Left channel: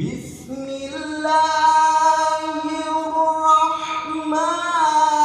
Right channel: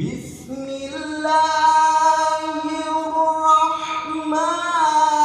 Bismillahirrahmanirrahim.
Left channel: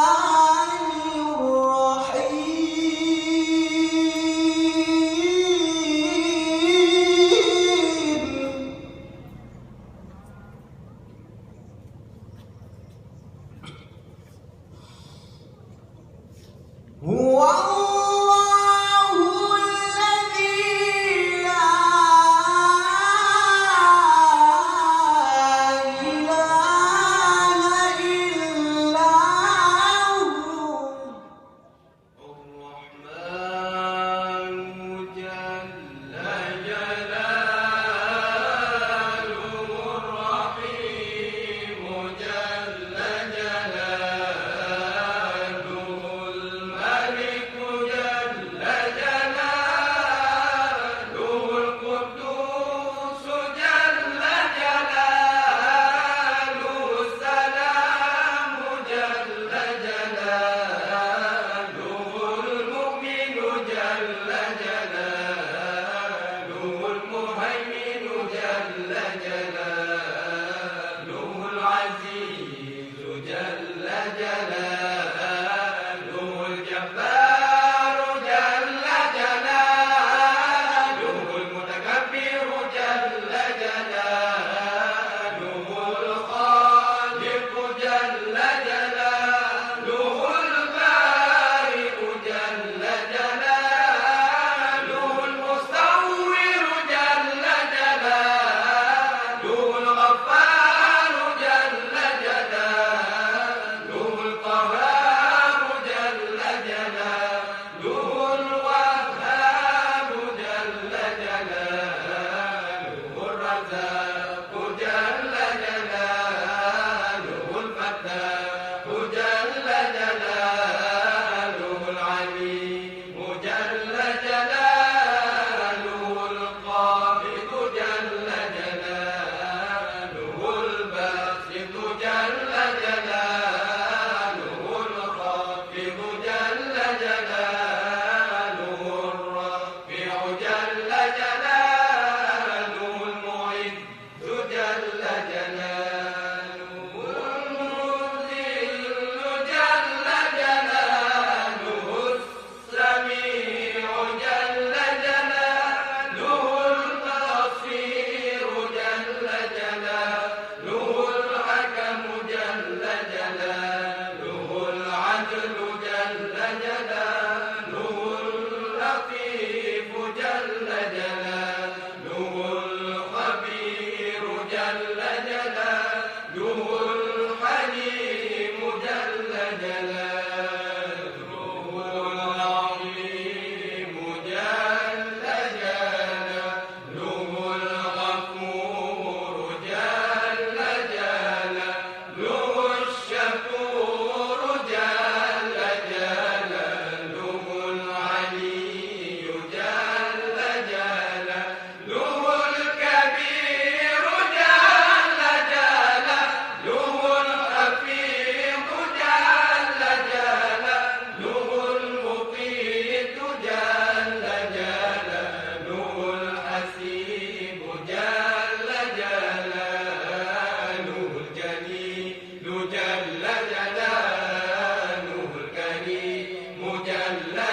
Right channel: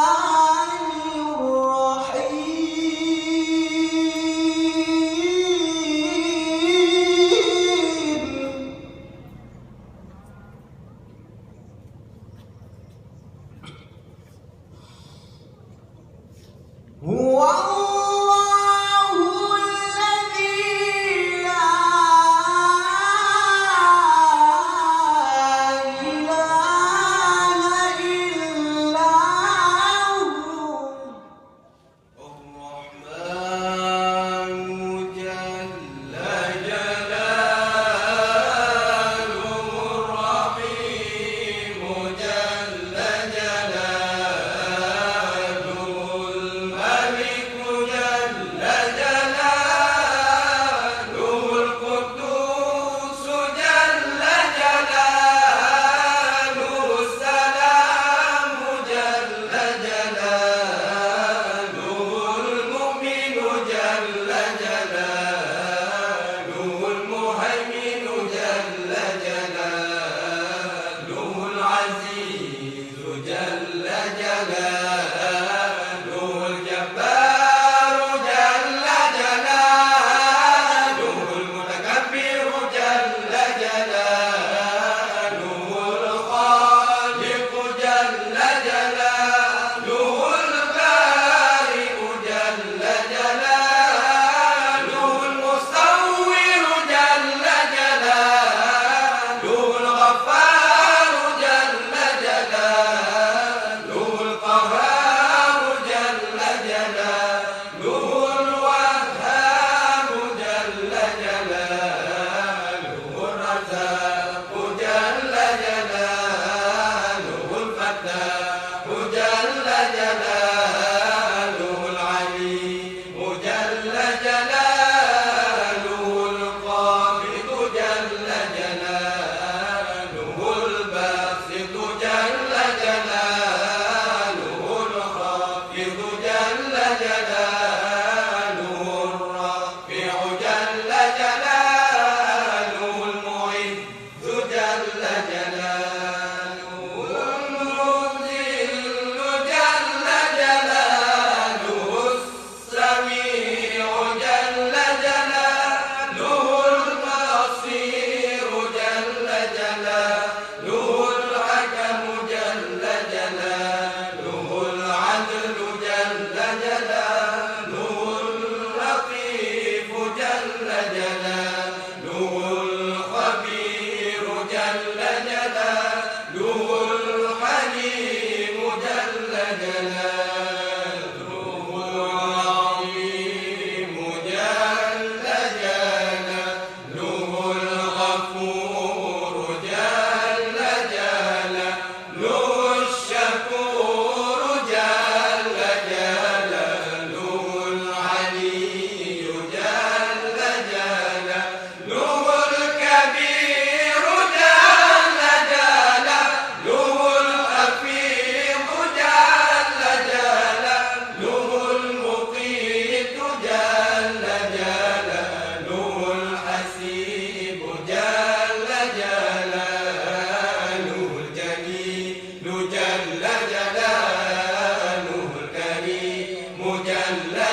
جل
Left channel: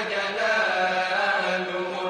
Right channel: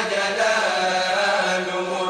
جلاله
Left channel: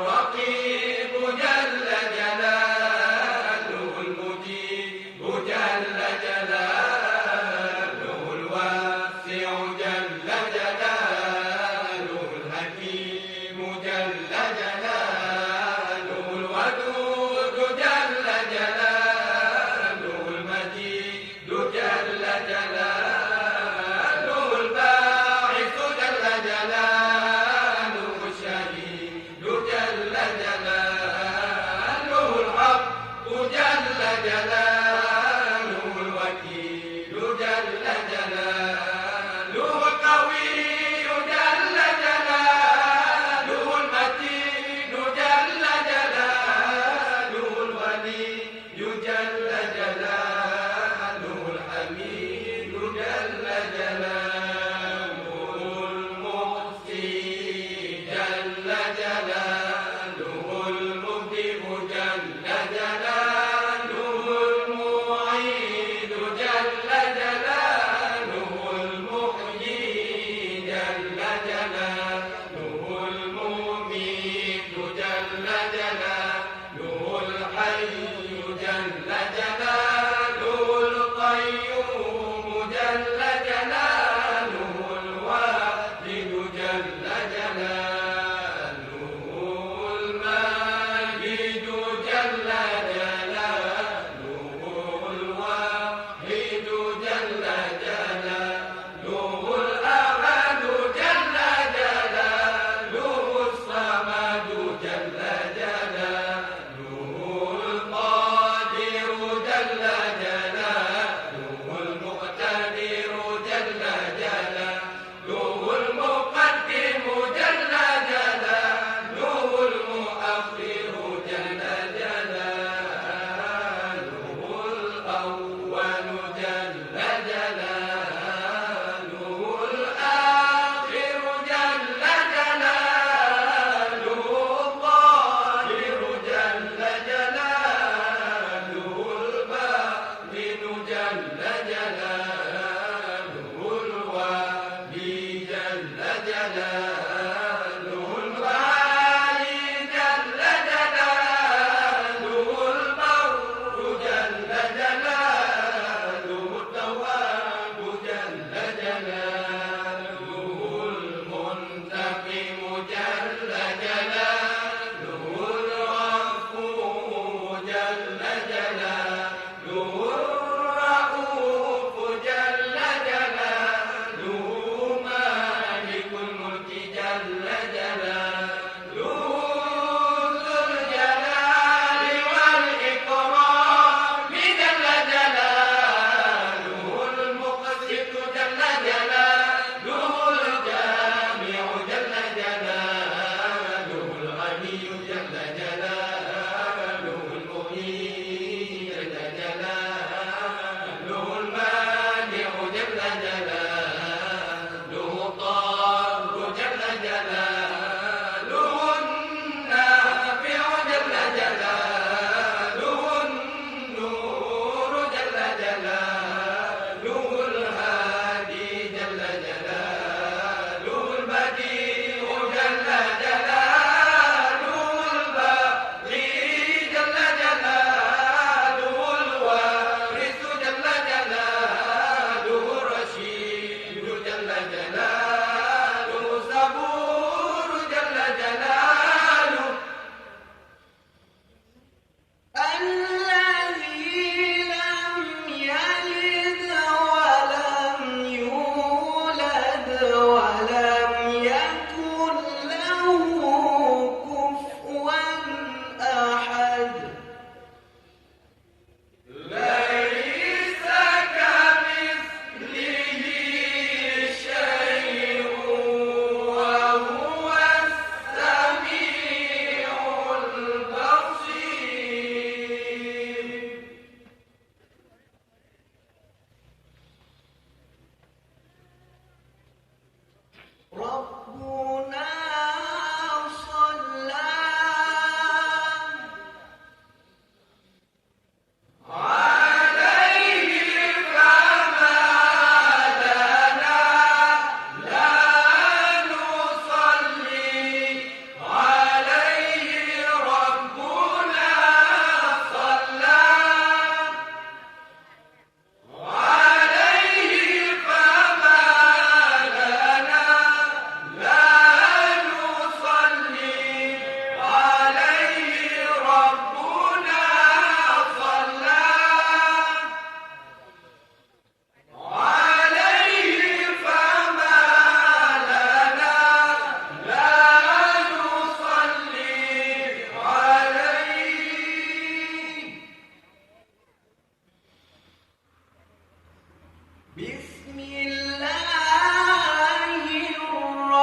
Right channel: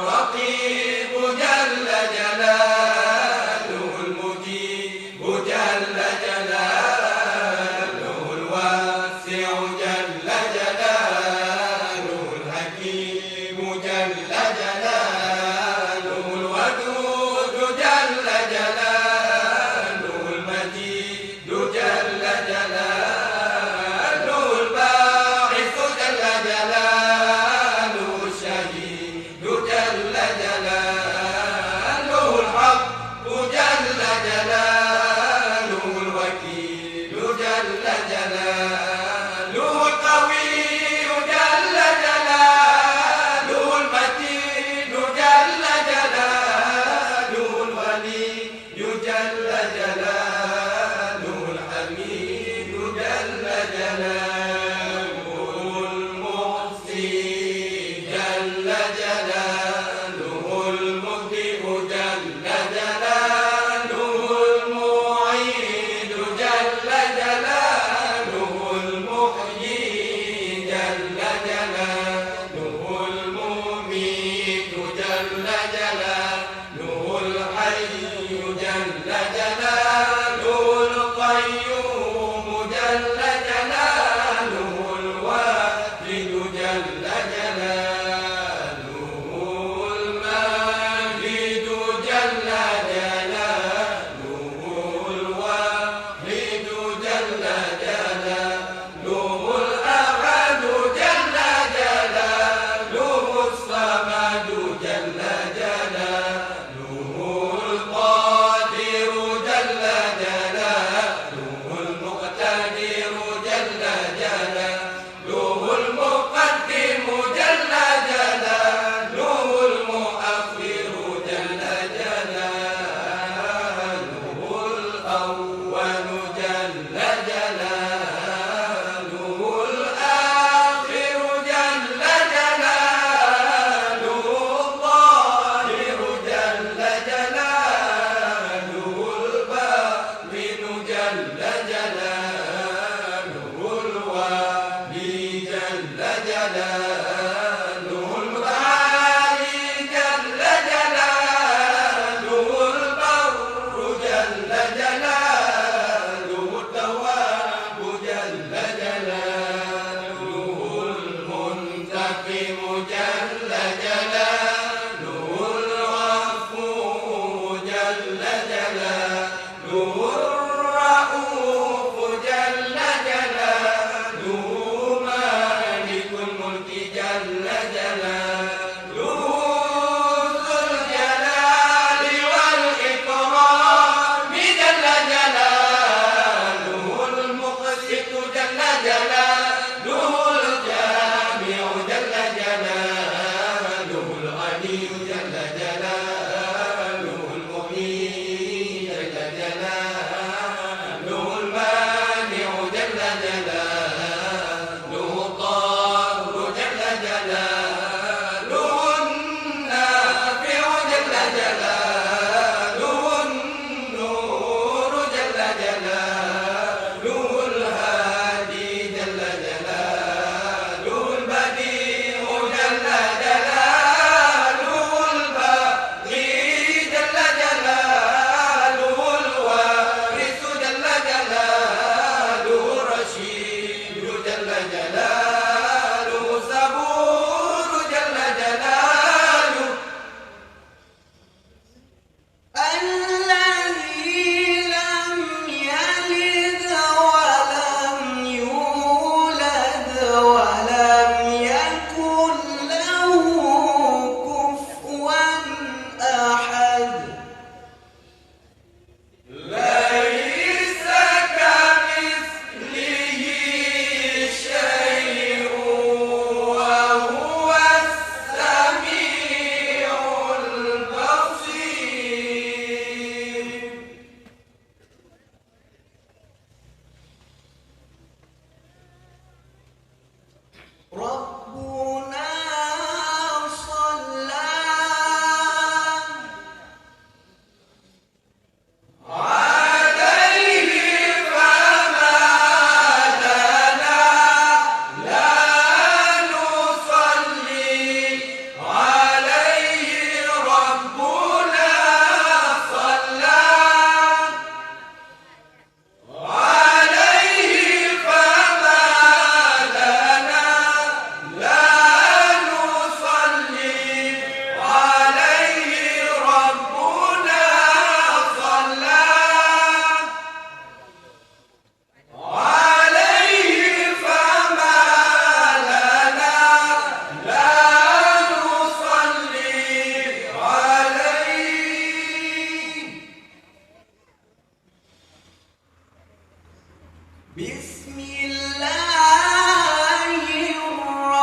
بسم الله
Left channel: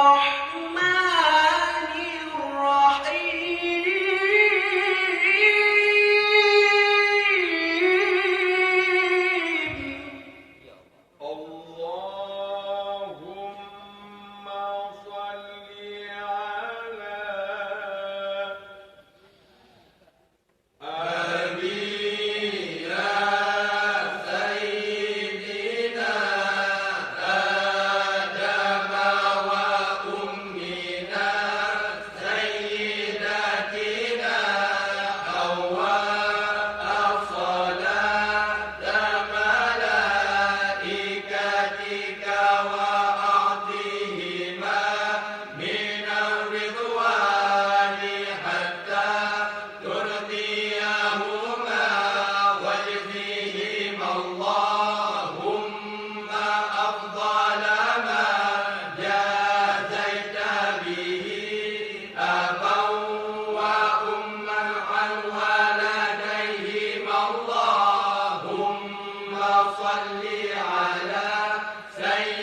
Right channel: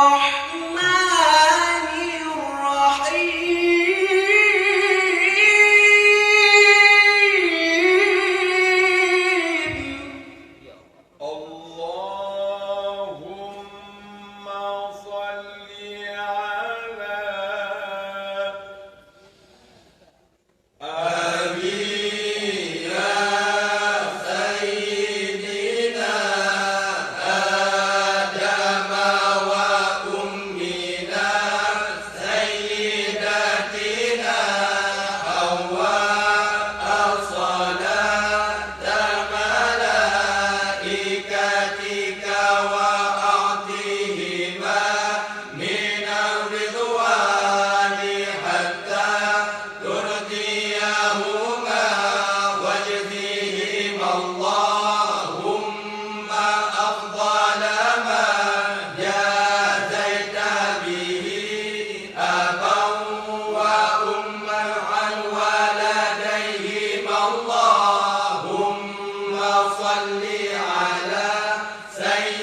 الرحمن الرحيم اللهم صل على آمين يا سيدنا آدم وأمنا سيدتنا حواء صلاة ملائكتك وأعطيهما من الرضوان حتى ترضيهما واجزيهما اللهم أفضل ما جازيت به أبا وأما عن ولديهما اللهم صل على سيدنا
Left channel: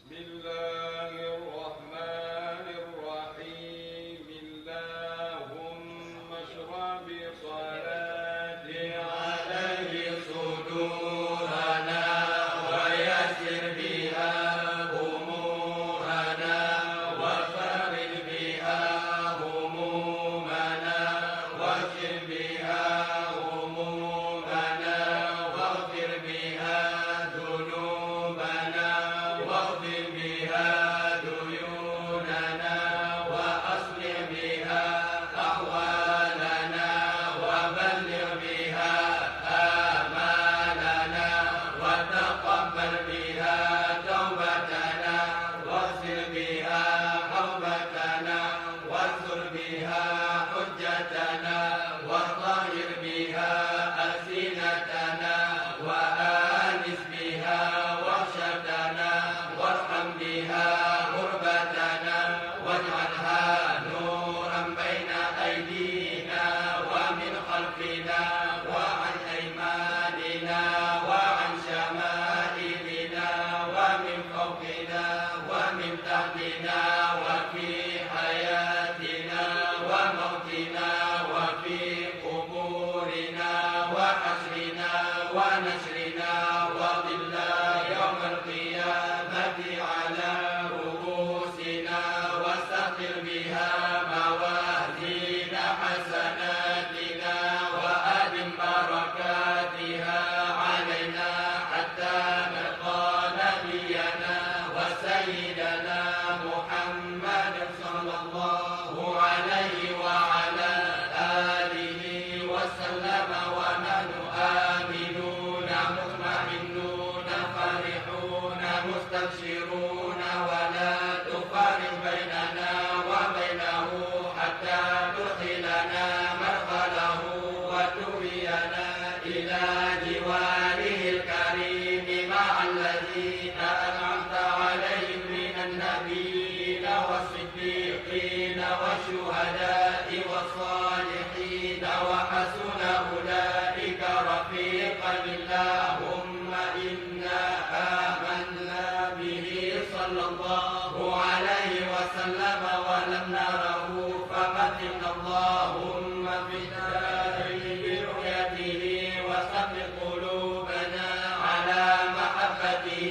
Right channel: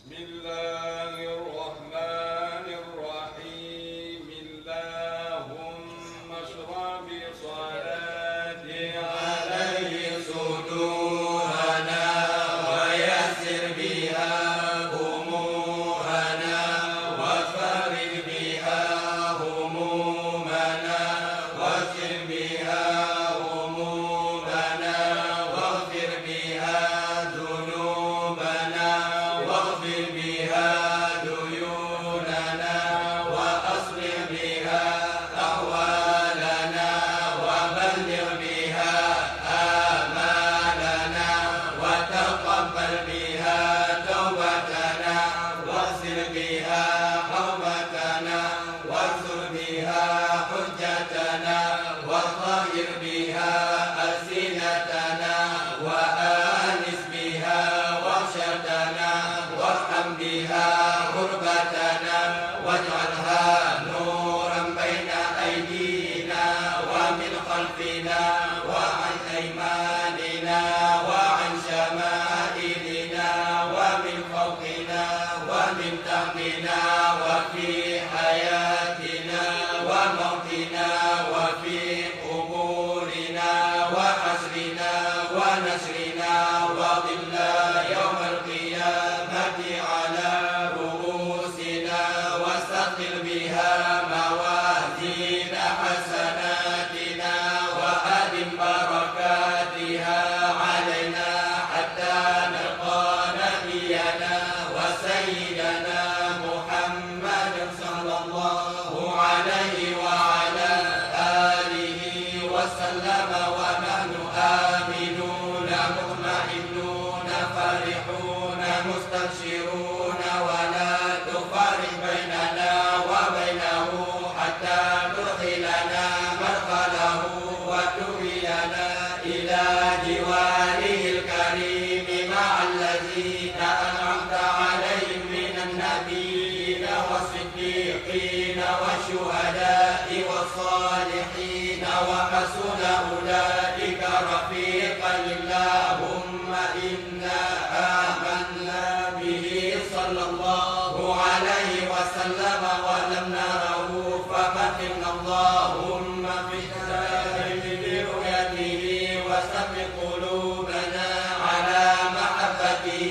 بسم الله الرحمن الرحيم اللهم اشرح بصلاتي عليه صدورنا ويسر بها أمورنا وفرج بها همومنا واغفر بها همومنا واغفر بها ذنوبنا واغفر بها ديوننا وأصلح بها أحوالنا وبلغ بها آمالنا وتقبل بها توبتنا واغفر بها حوبتنا واكثر بها حجتنا وطهر بها ألسنتنا وآنس بها وحشتنا وارحم بها غربتنا واجعلها نورا بين أيدينا ومن خلفنا وعن أيماننا وعن شمائلنا ومن فوقنا ومن تحتنا وفي حياتنا وموتنا وفي قبورنا وحشرنا ونشرنا وظلا يوم القيامة على رؤوسنا واستغفر بها موازين حسناتنا وأدم بركاتها علينا حتى نلقى نبينا وسيدنا محمد صلى الله عليه وعلى آله وسلم ونحن آمنون مطمئنون فرحون مستبشرون ولا تفرق بيننا وبينه حتى تدخلنا مدخله وتهينا إلى جواره الكريم مع الذين أنعمت عليهم من النبيين والصديقين والشهداء والصالحين وحسن أولئك رفيقا اللهم إنا آمنا به صلى الله عليه وسلم ولم نره فمتنا اللهم في دائم برؤيته وثبت قلوبنا على محبته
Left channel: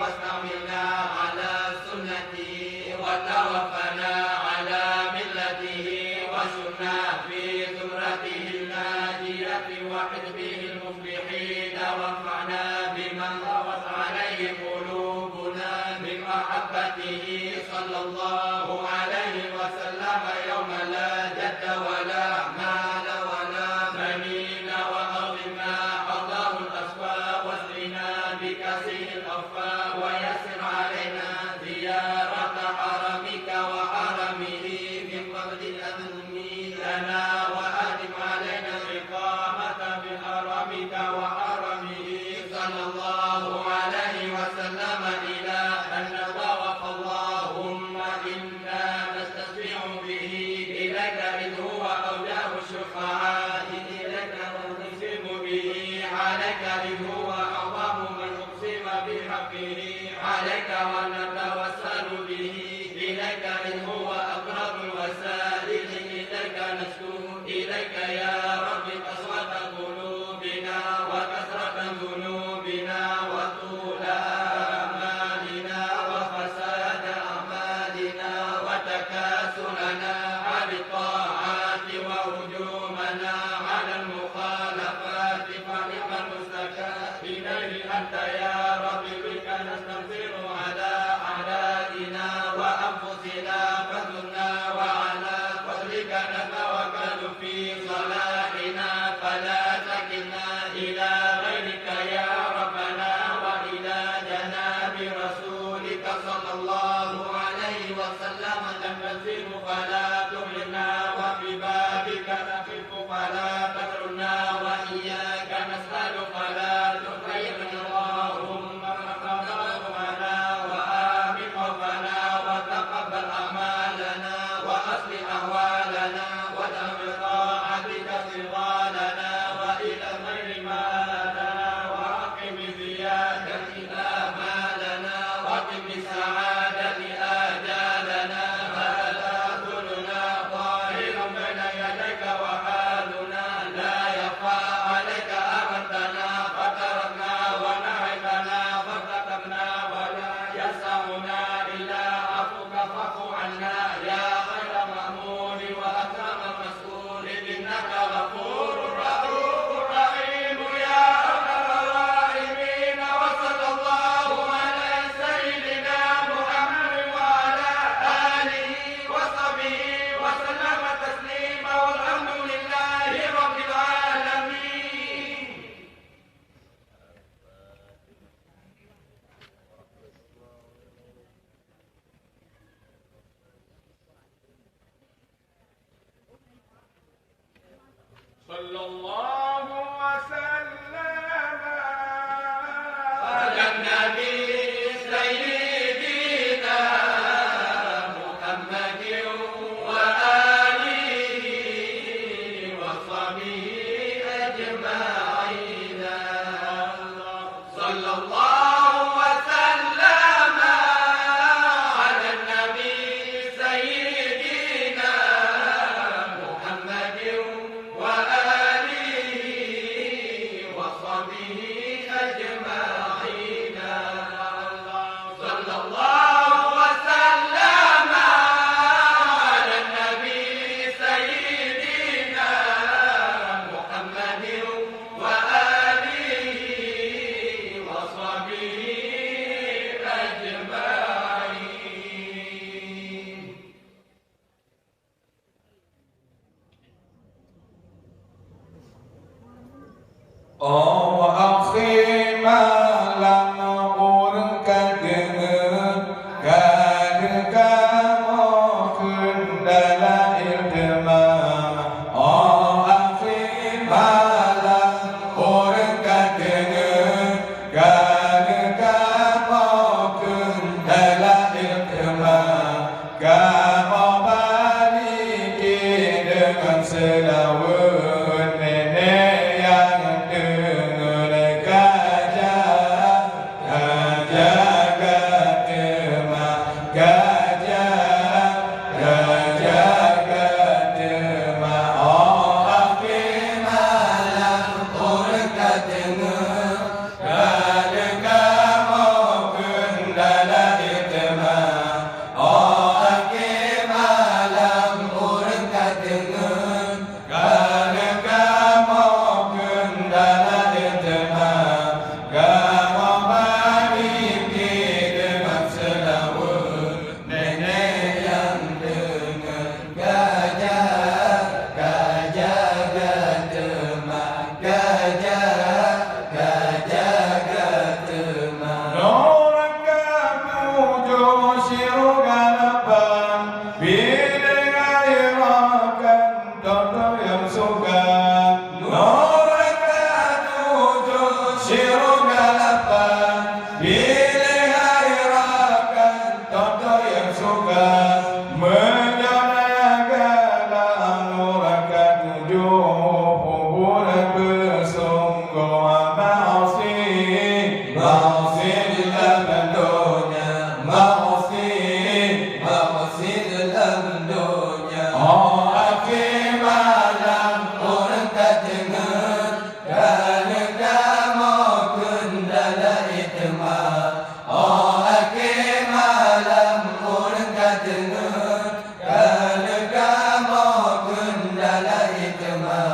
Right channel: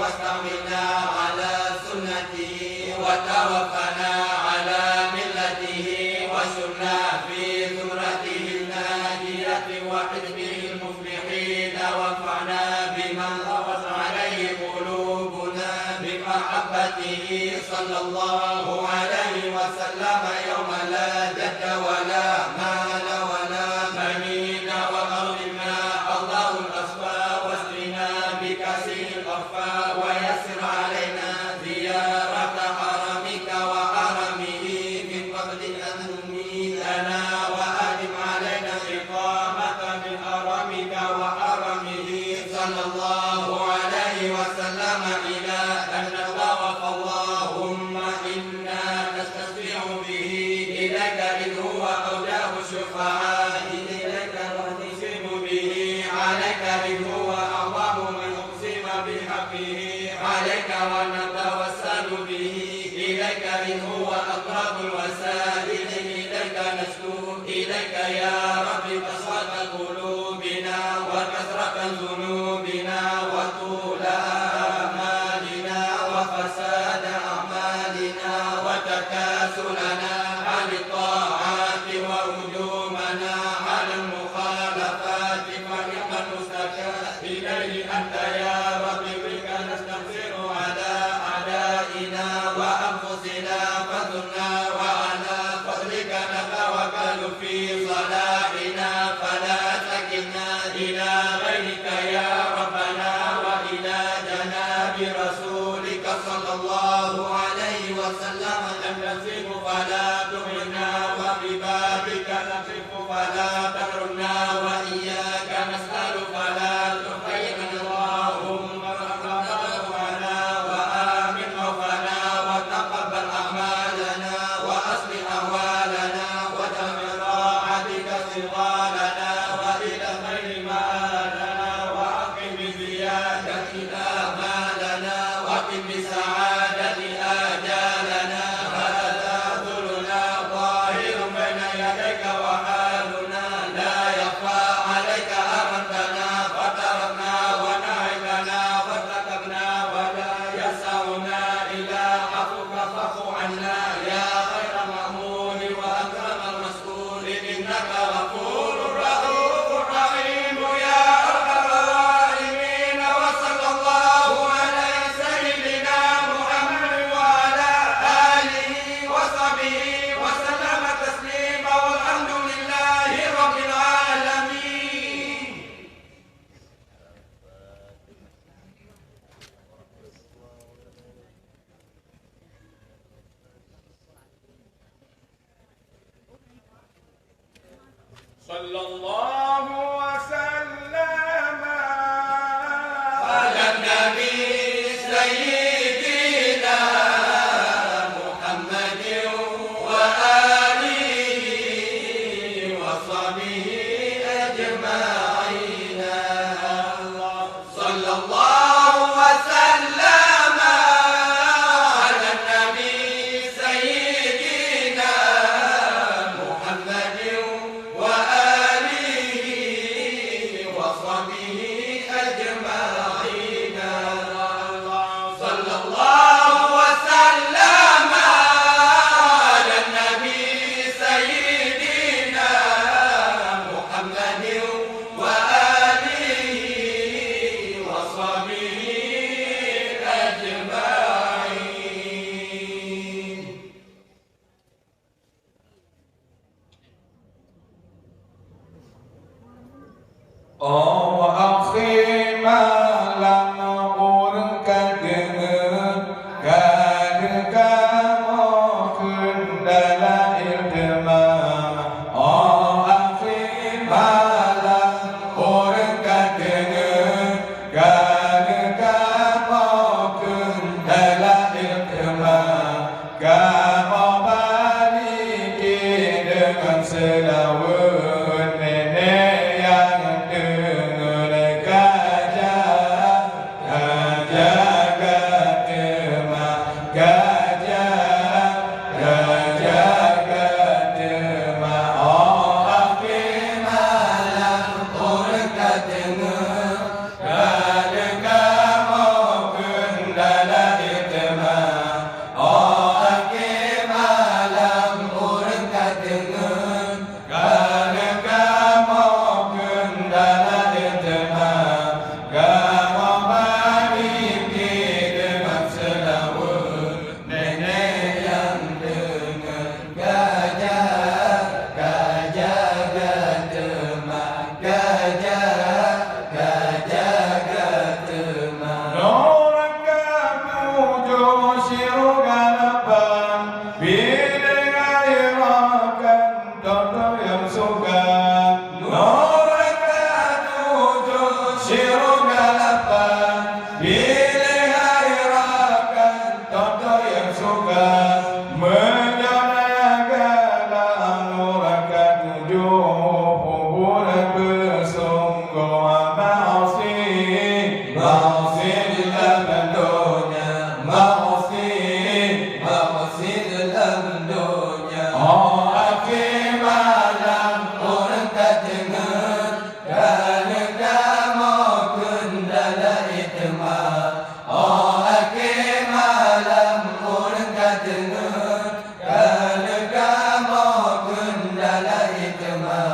واستعملنا على سنته وتوفنا على ملته وشرنا في زمرته الناجية وحزبه المفلحين وانفعنا بمن روت عليه قلوبنا من محبته صلى الله عليه وسلم يوم لا جد ولا مال ولا بنين وأرض ما الله الأصفى واسقنا بكثير الأخفى ويسر علينا زيارة حرمك وحرمه من قبل أن نميتنا وأدم علينا الإقامة من حرمك وحرمه صلى الله عليه وسلم إلى أن نطوف اللهم إنا نستشفع به إليك إذ هو أولاه الشفعاء إليك ونقسم به عليك إذ هو أعظم من أقسم بحقه عليك ونتوسل به إليك إذ هو أقرب الوسائل إليك نشكو إليك يا رب قسوة قلوبنا وكثرة ذنوبنا وطول آمالنا وفساد أعمالنا وتكاسلنا عن الطاعات وهجومنا على المخالفات فنعم المستكى إليه أنت يا رب بك نستنصر على أعدائنا وأنفسنا فزرنا وعلى فضلك نتوكل في صلاحنا فلا تكلنا إلى غيرك يا ربنا وإلى جناب رسولك صلى الله عليه وسلم أن نسير فلا تهلكنا وببابك نخف فلا تحرمنا وإياك نسأل فلا تحيرنا اللهم رحمتنا وآمن خوفنا وتقبل أعمالنا وأصلح أحوالنا واجعل براعتك صغارنا وإلى غير ما sallallahu wasallam ala nabi sayyidina Muhammadin wa alihi wa sahbihi ajma'in. Sallallahu wasallam ala nabi sayyidina Muhammadin wa alihi wa sahbihi ajma'in. Sallallahu wasallam ala nabi sayyidina Muhammadin wa alihi wa sahbihi ajma'in. Oh akhi malam urkat kad kamu kendala ilma. Oh akhi malam urkat kad kamu kendala ilma. Kamu balik dengan selawat nenek yang dengar gajah, gajah katema, gajah, gajah katema. Oh akhi malam urkat kad kamu kendala itma. Oh akhi malam urkat kad kamu kendala itma. Kamu balik dengan selawat nenek yang dengar gajah, gajah katema, gajah, gajah katema. Orang kamu josiru galapan bilik airakan toto yang suka. Orang kamu josiru galapan bilik airakan toto yang suka. Menjadikan orang kamu hubungan bersungguh maasi, maasi dalam dunia, maasi, maasi dalam dunia. Oh akhi malam urkat kad kamu kendala itma. Oh akhi malam urkat kad kamu kendala itma.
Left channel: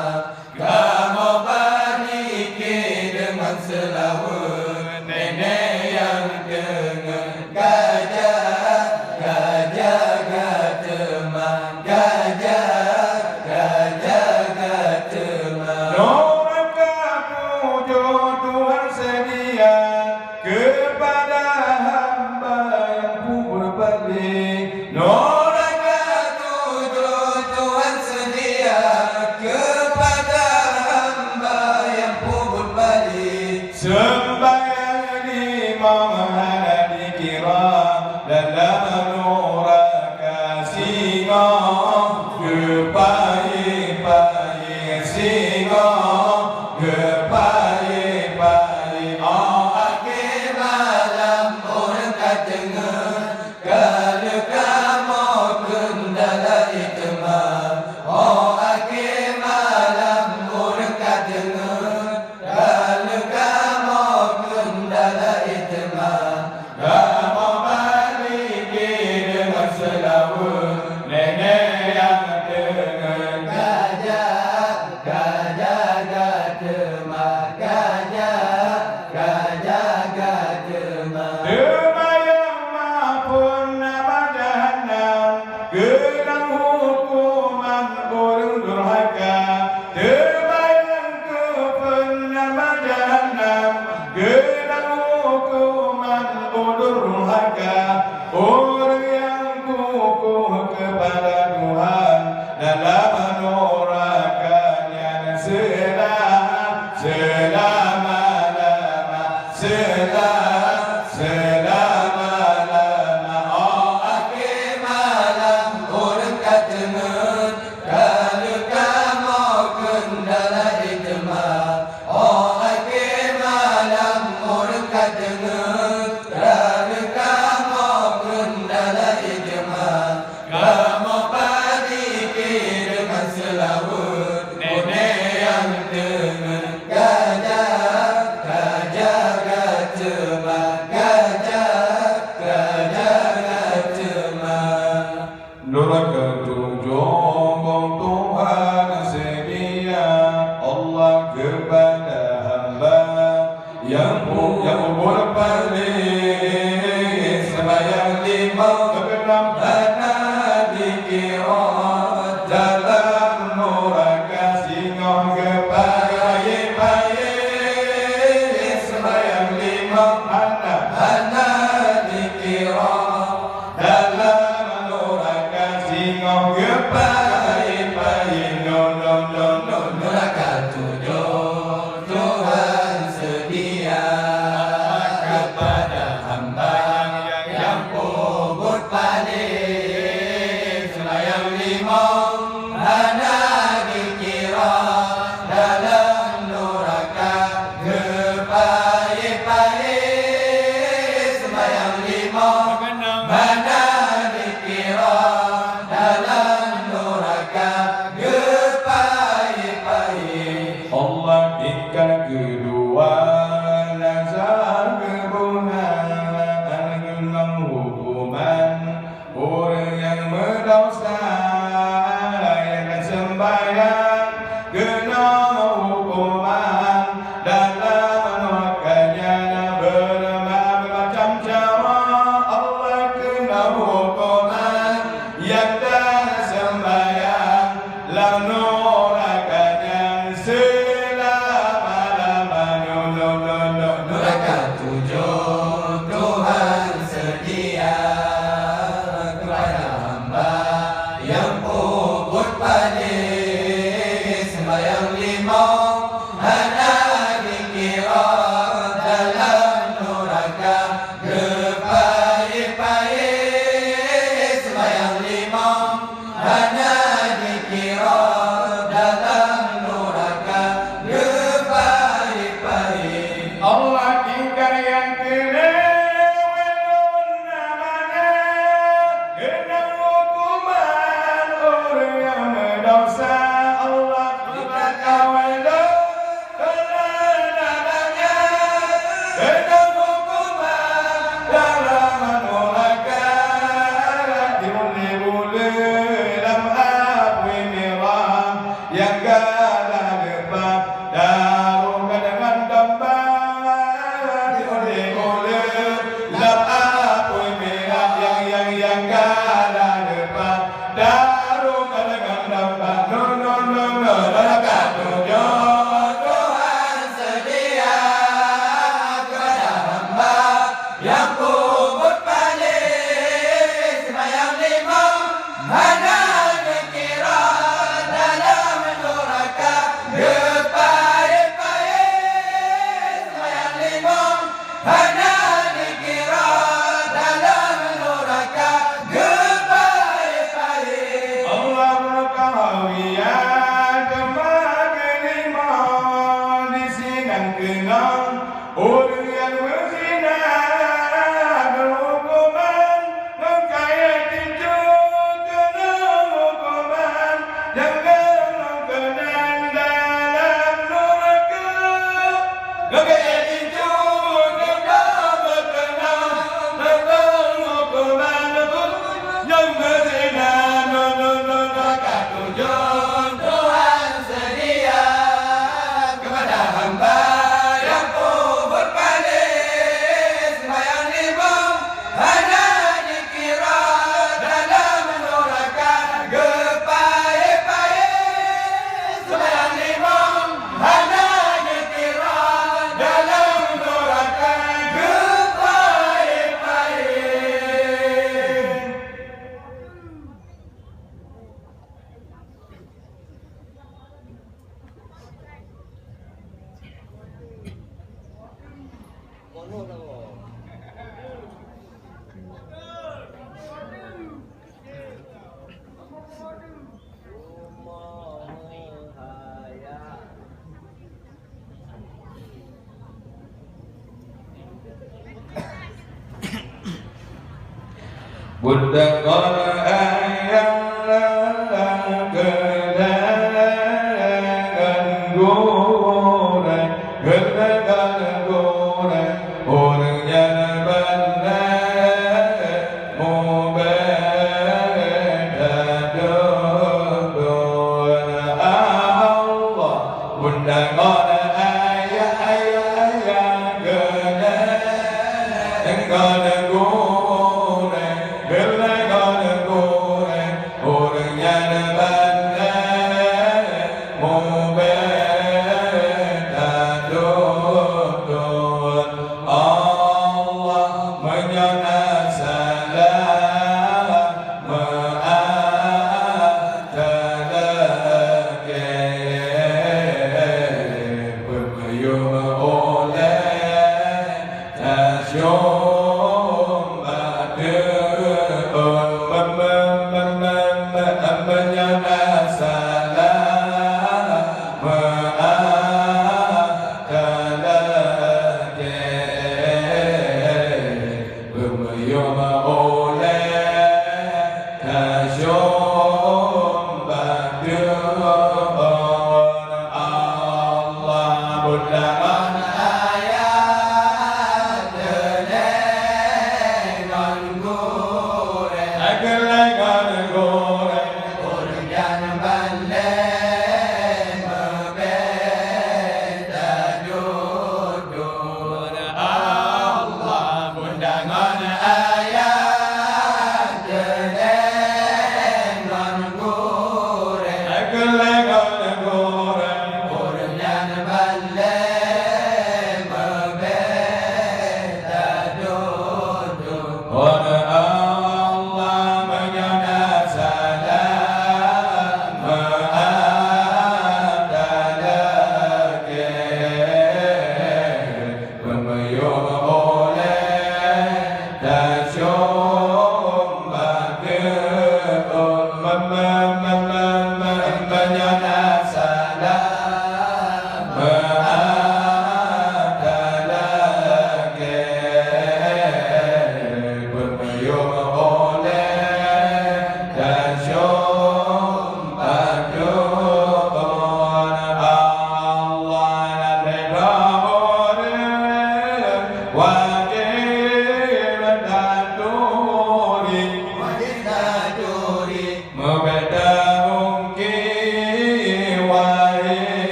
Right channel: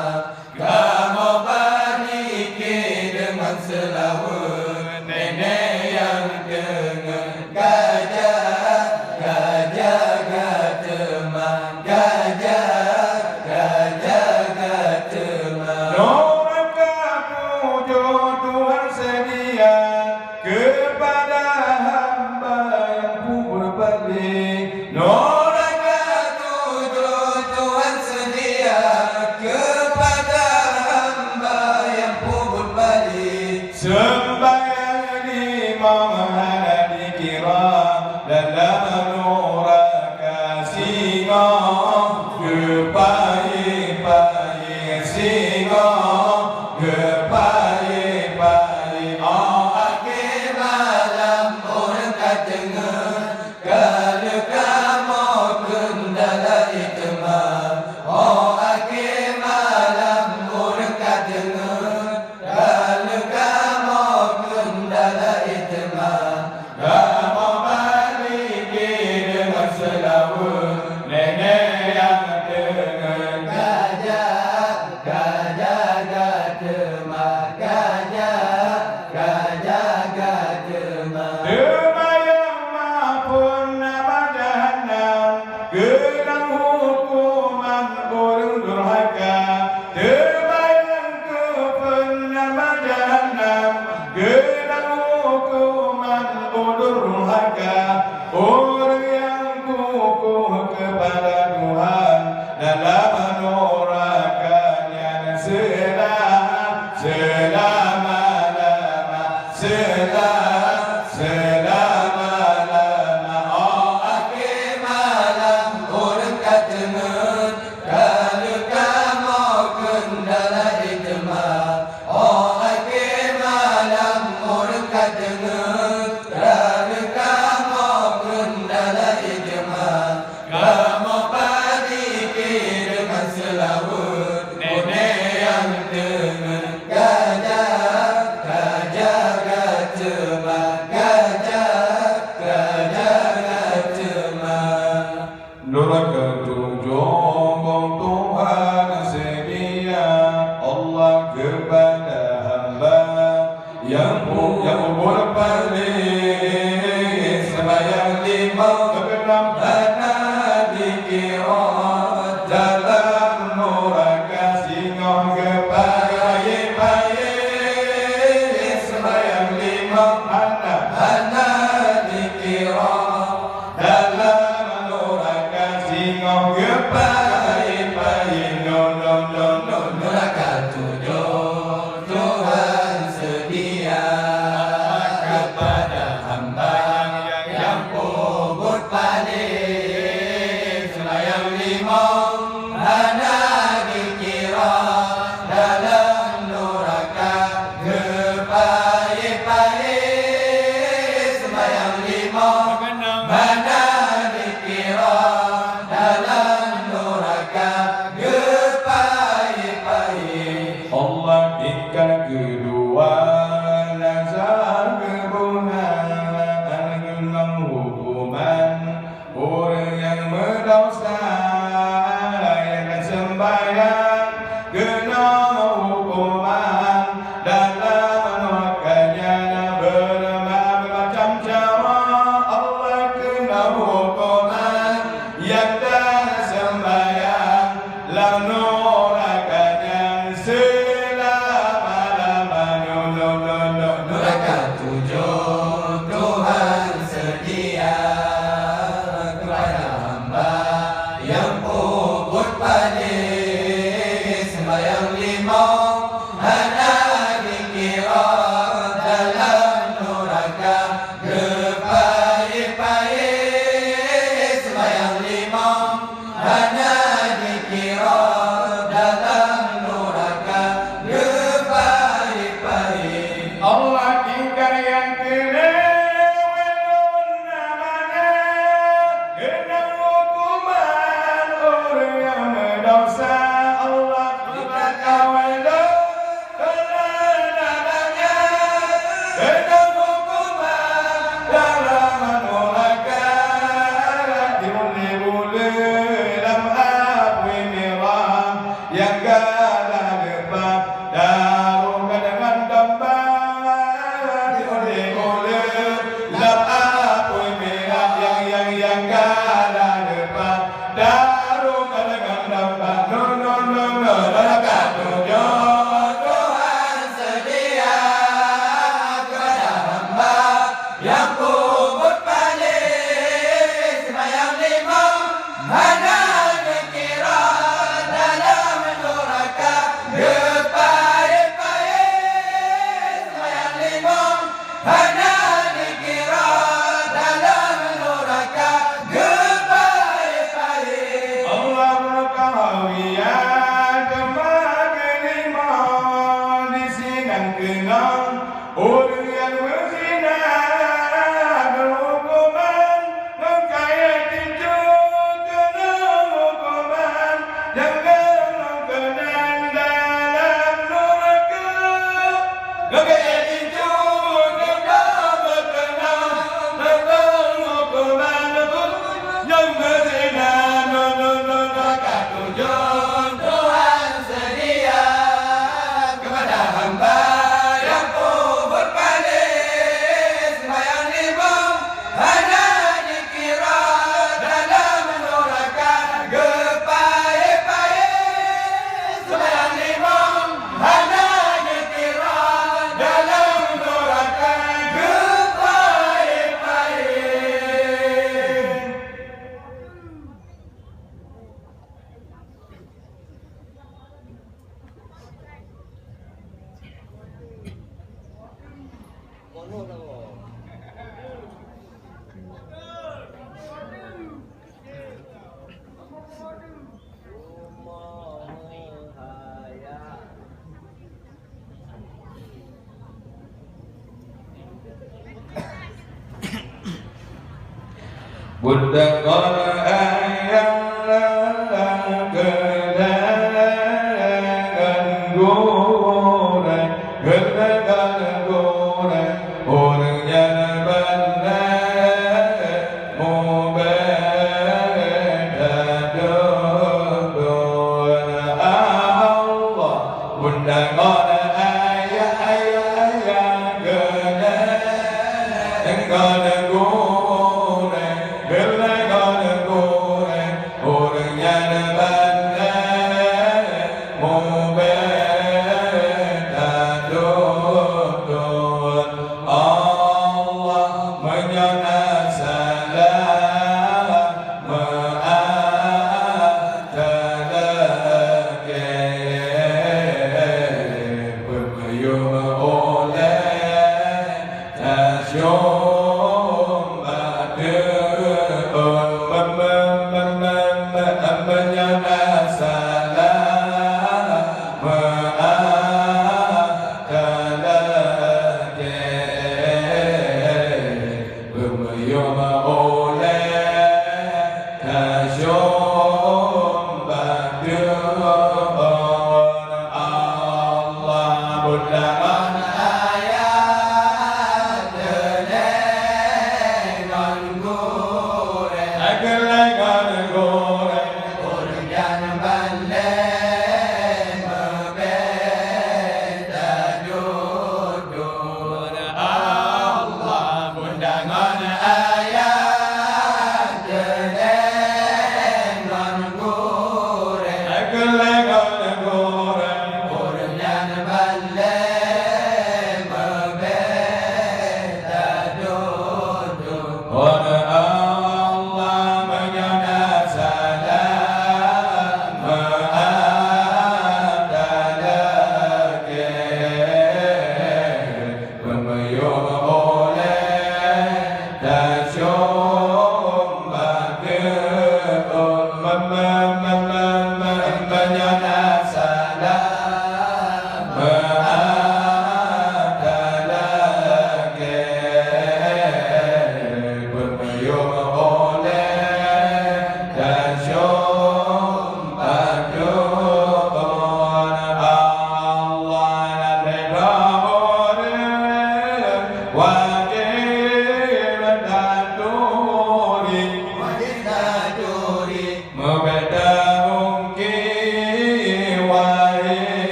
Kamu balik dengan selawat nenek yang dengar gajah, gajah katema, gajah, gajah katema. Orang kamu Tuhan sedia kepada hamba yang kubur balik. Orang kamu Tuhan sedia kepada hamba yang kubur balik. Sembahyang lima hari dikira dalam nura kasih kepai-pai singa kepai-pai. Oh akhi malam urkat kad kamu kendala itma. Oh akhi malam urkat kad kamu kendala itma. Kamu balik dengan selawat nenek yang dengar gajah, gajah katema, gajah, gajah katema. Demayang maupun nama jahannam, gedang hukuman orang durhaka. Demayang kupun nama jahannam, gedang hukuman orang durhaka. Orang yang kukuh kepada Tuhan dalam menorakannya yang kubur balik sembahyang lima keenam hana dikira dalam neraka singoh kepaye-paye sembahyang lima hana dikira dalam neraka singoh kepaye-paye no neraka tujuh Tuhan sedia kepada hamba yang kubur balik sembahyang lima hana dikira dalam neraka kepaye-paye sembahyang lima hana dikira dalam neraka kepaye-paye. Allah tingkat kedua nazar kebunan genom hukuman orang yang berdosa yang sembahyang genom hukuman dalam menerkanya bermacam cara Allah kena hukuman yang dah sembahyang lalu nerakanya selama-lamanya neraka tujuh Tuhan sedia kepada hamba yang kubur balik sembahyang lima hana dikira dalam neraka kepaye-paye sembahyang lima hana dikira dalam neraka kepaye-paye. Allah tinggal yang kelewat namanya genang hukuman orang yang berdosa. Allah tinggal kawal namanya genang hukuman dalam neraka dimulai dalam api merah yang galah lepas darukan dengan domba dimulai dalam api merah yang galah lepas darukan dengan domba neraka tujuh Tuhan sedia kepada hamba yang kubur balik sembahyang lima hana dikira dalam neraka kepaye-paye sembahyang lima hana dikira dalam neraka kepaye-paye. Allah berkahwian kemak kelima di sinang kenang orang yang berzina berhukuman mengkaya tinju kena hukuman jangan kenang dalam neraka mengkaya tinju kena berkenang dalam hukuman yang berzina neraka tujuh Tuhan sedia kepada hamba yang kubur balik sembahyang lima hana dikira dalam neraka kepaye-paye sembahyang lima hana dikira dalam neraka kepaye-paye. Buddha Qur'an kedatangan guru Bunda ngora ayah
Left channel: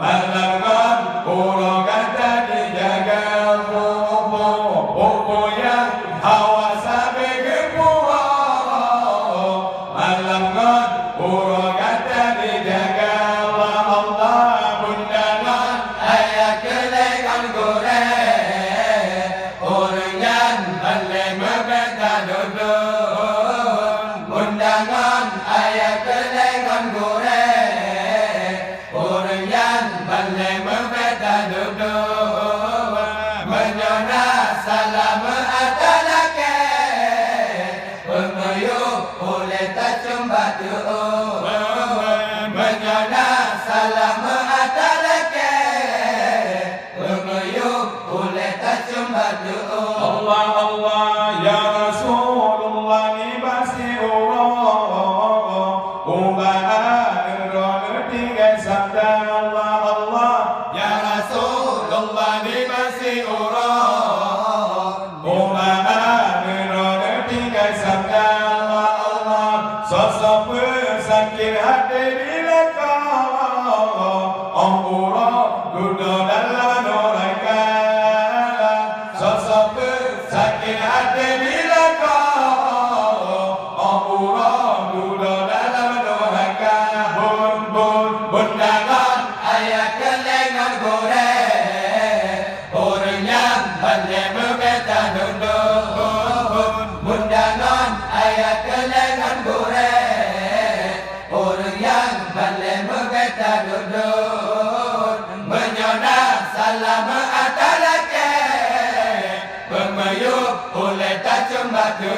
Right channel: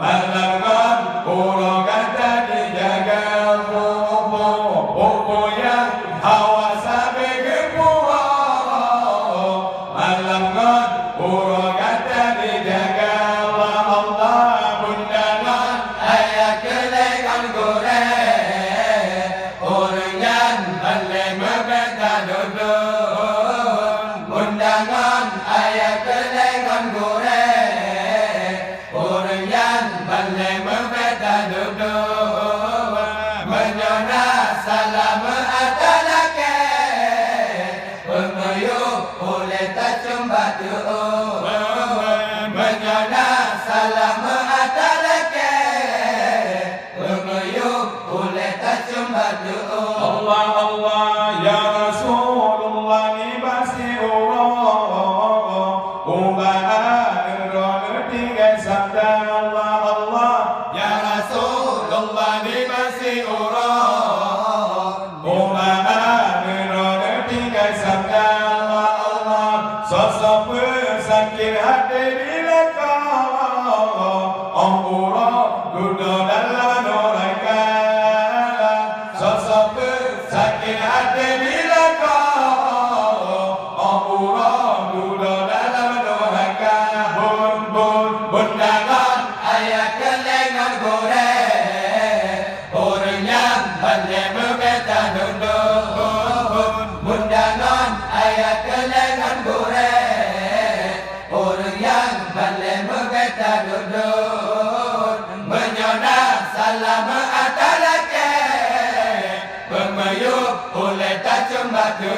Malangan pulau kata dijaga Allah ni masih orang Umat berada tinggal sabda Allah Sosok pesakit hati bila kau Orang duduk dalam neraka Sosok pesakit hati bila kau Orang duduk dalam neraka Bun dangan ayat kelengan goreng orang yang balik berkata duduk mundangan ayat kelengan goreng orang yang balik berkata duduk menyonang salam atalake pemeyuk oleh tak cembatu